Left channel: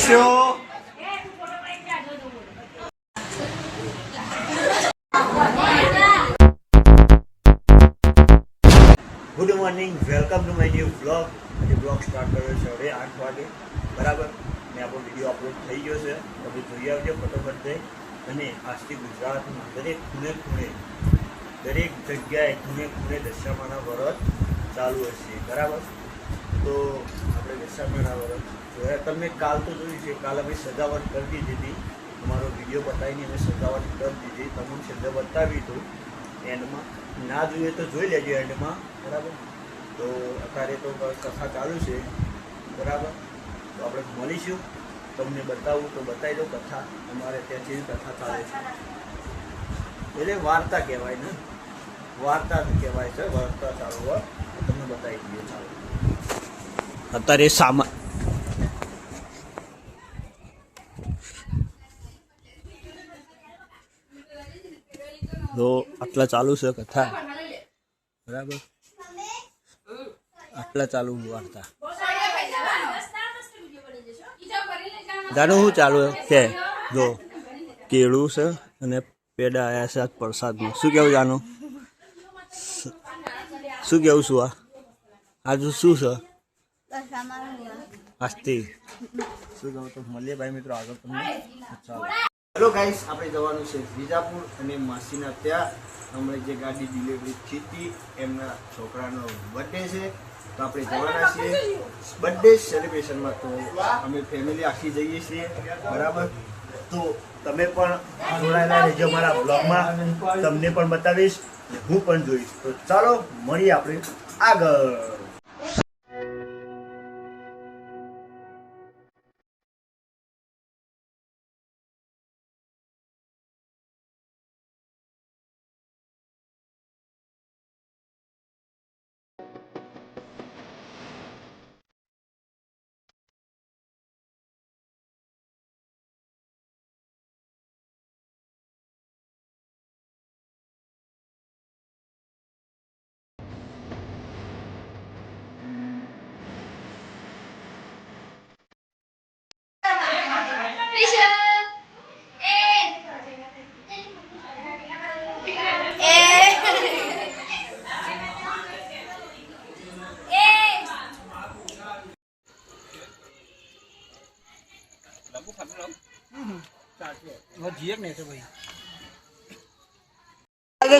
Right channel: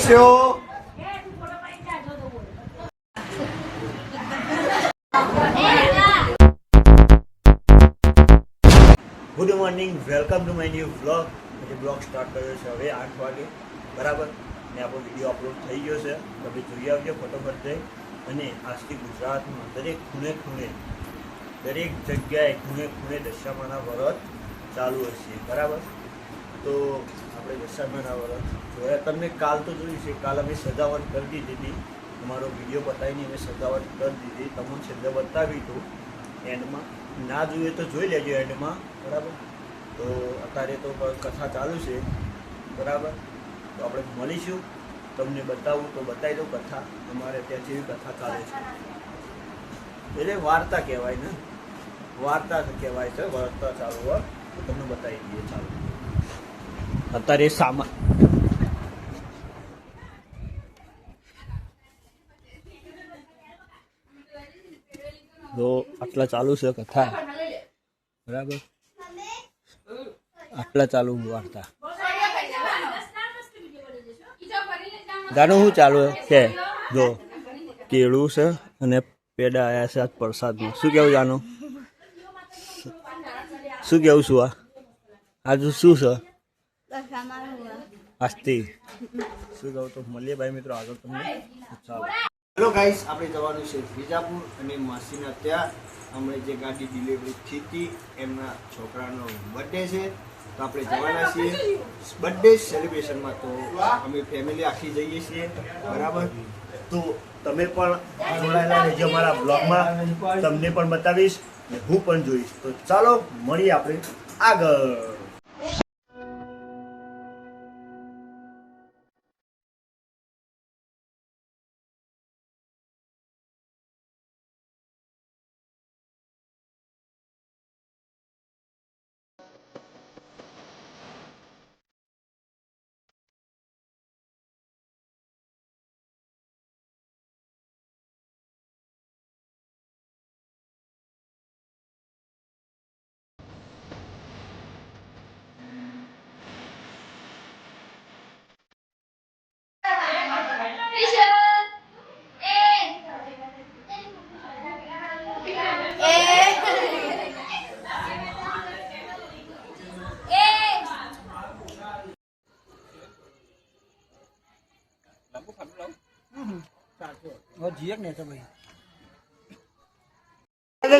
Good morning, welcome to my new vlog. આજે blog start કર્યો છે હવે 8 વાગે બરાબર. ને આપણો વિડીયો અપલોડ થઈ ગયો છે. તમે જોઈ આવજો ફટોફટ જઈ. અને આજથી ગુજરાતમાં દરેક ખૂણે ખૂણે, દરેક જગ્યાએ ખૂણે ખૂણે દશામાના વ્રત ચાલુ હશે બરાબર. તો આપણે દશામાના વ્રત જોયા. તમને કાલ તો જોયું છે, કાલ અમે સજાવટ કરી દીધી હતી. અમારો વિડીયો બતાવીને અમે સજાવટ કરી દીધી. તમને છેલ્લે બતાવ્યું હતું એન્ડમાં. ના જોઈએ તો જોઈ લેજો એન્ડમાં બરાબર. તો અત્યારે તો કથા ચાલુ છે બરાબર. તો આપણે મળીશું, તમને બતાવું તો બતાવી દઉં કથા. અમારે ત્યાં જેવી કથા ચાલે છે એટલે વાર્તા કહેવાય ને, વાર્તા કહેવાય છે. વાર્તા ચાલુ હોય તો તમને બતાવી દઈએ. ચાલો અત્યારે સામાન તો આટલા ચાલુ છે કથા બરાબર. આટલા ચાલુ વાર્તા જાણું શું ચાલુ કે જો કેળું છે અને પેડા આવ્યા છે આજ પ્રસાદમાં. શું કેવું જાણું? શું કેવું છું? આજુ શું છે આજથી? શું કહું? તો મળીએ ભાઈ મિત્રો આગળ તમને. ચાલો હેલો ગાઈસ, આપણે જવાનું છે વિજાપુર અને માસીના ત્યાં. હમણાં જે ગાડી ડિલિવરી થઈ હતી એમના છોકરાનો બર્થડે છે, તો આપણે જવાના છીએ બર્થડે સેલિબ્રેશનમાં. તો અમે ફેમિલી આખી જઈએ છીએ બરાબર. તો તમે પણ જોડાયેલા રહેજો અમારા બ્લોગમાં. તમને પણ બતાવીશ અને હું પણ જોઈશ. તો ચાલો મળીએ આપણે આગળ.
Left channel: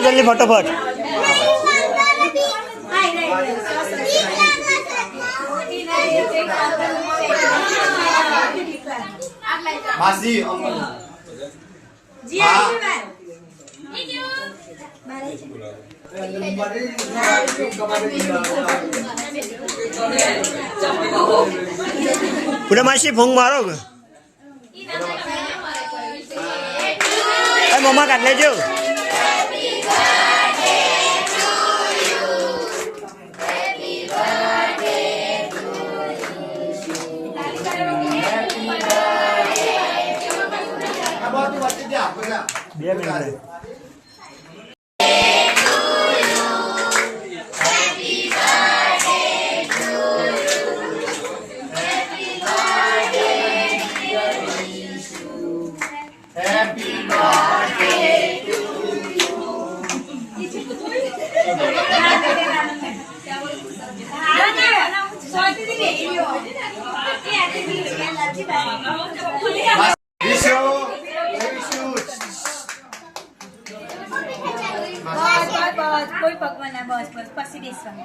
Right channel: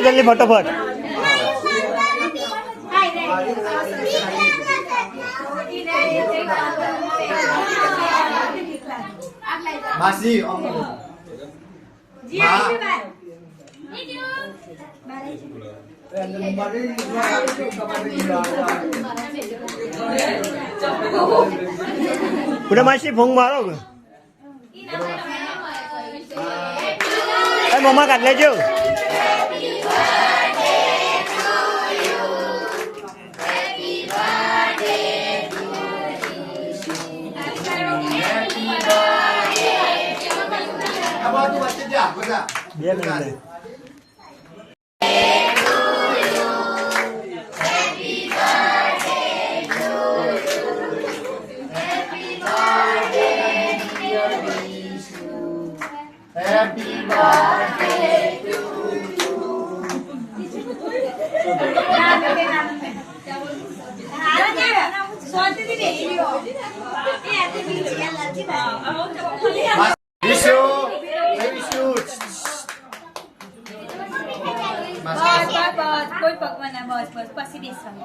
जल्दी फटाफट मासी पूरा मासी फोंग मारो मम्मा काट लेजो. Biar nanti. कोई पकवान है बस बस पसी बेसवानी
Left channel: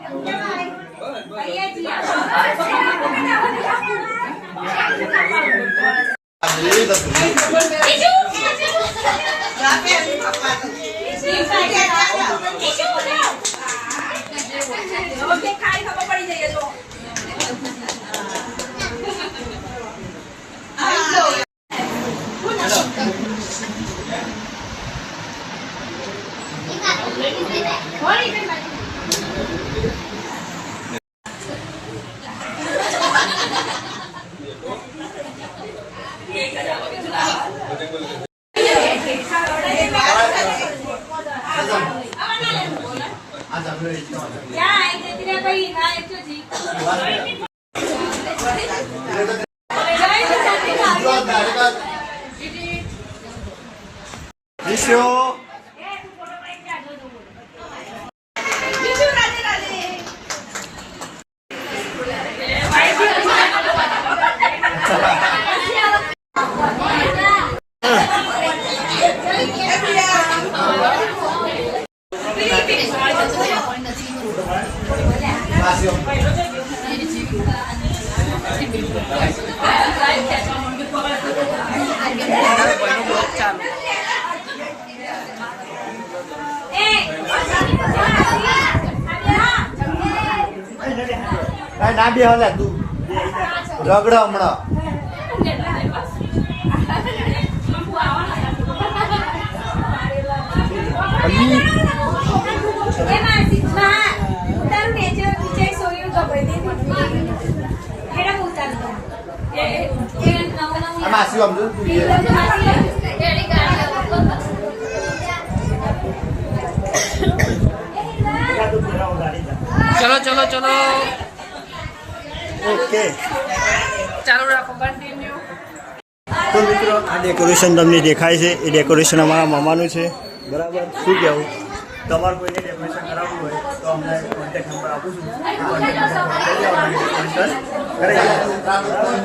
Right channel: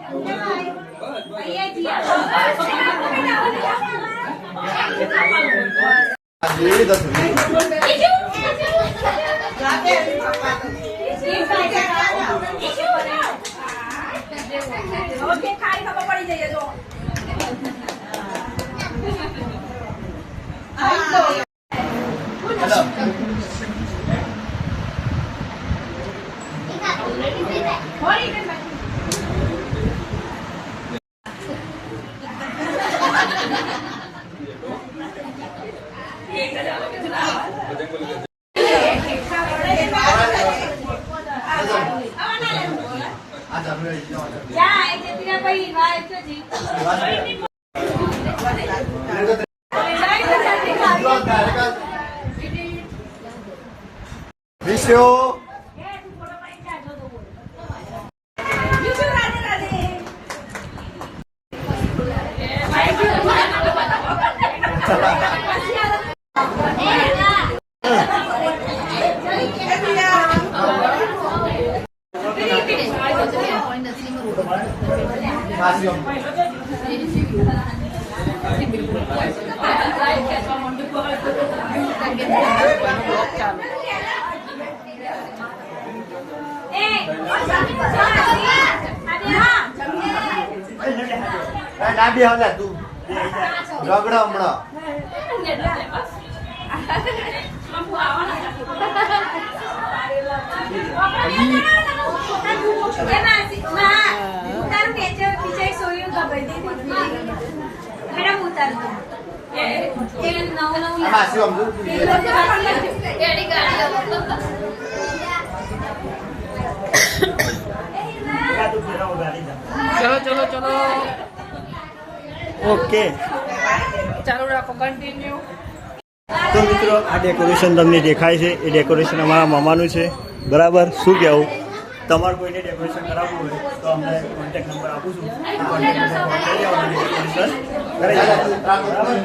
ओके खाई खबर पड़ी जाइए तो છો. ના બે હલા તું રગડા હમણાં ચલો ચલો ચલો ઓકે. ચાલુ રાખો કન્ટિન્યુ. તો મિત્રો આ ડેકોરેશન તમને દેખાય છે એ ડેકોરેશન અમારા મામાનું છે. બરાબર. શું કહેવું, તમારે કોઈને ડેકોરેશન કરાવવું હોય તો અમને કોન્ટેક્ટ નંબર આપું છું. કોન્ટેક્ટ નંબર કરી દેવાનું, ડેકોરેશન કરાવી દેવાનું. બરાબર.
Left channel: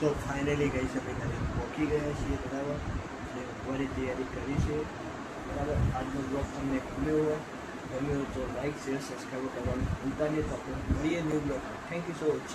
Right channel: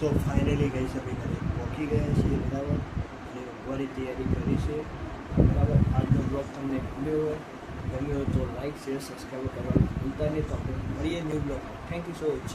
તો ફાઇનલી ગઈ છે ભાઈ ઘરે પહોંચી ગયા છીએ. બરાબર. બધી તૈયારી કરી છે. બરાબર. આજનો બ્લોગ તમને ગમ્યો હોય તો લાઈક શેર સબસ્ક્રાઈબ કરવાનું ભૂલતા નહીં. તો આપણે મળીએ new blog. Thank you so much.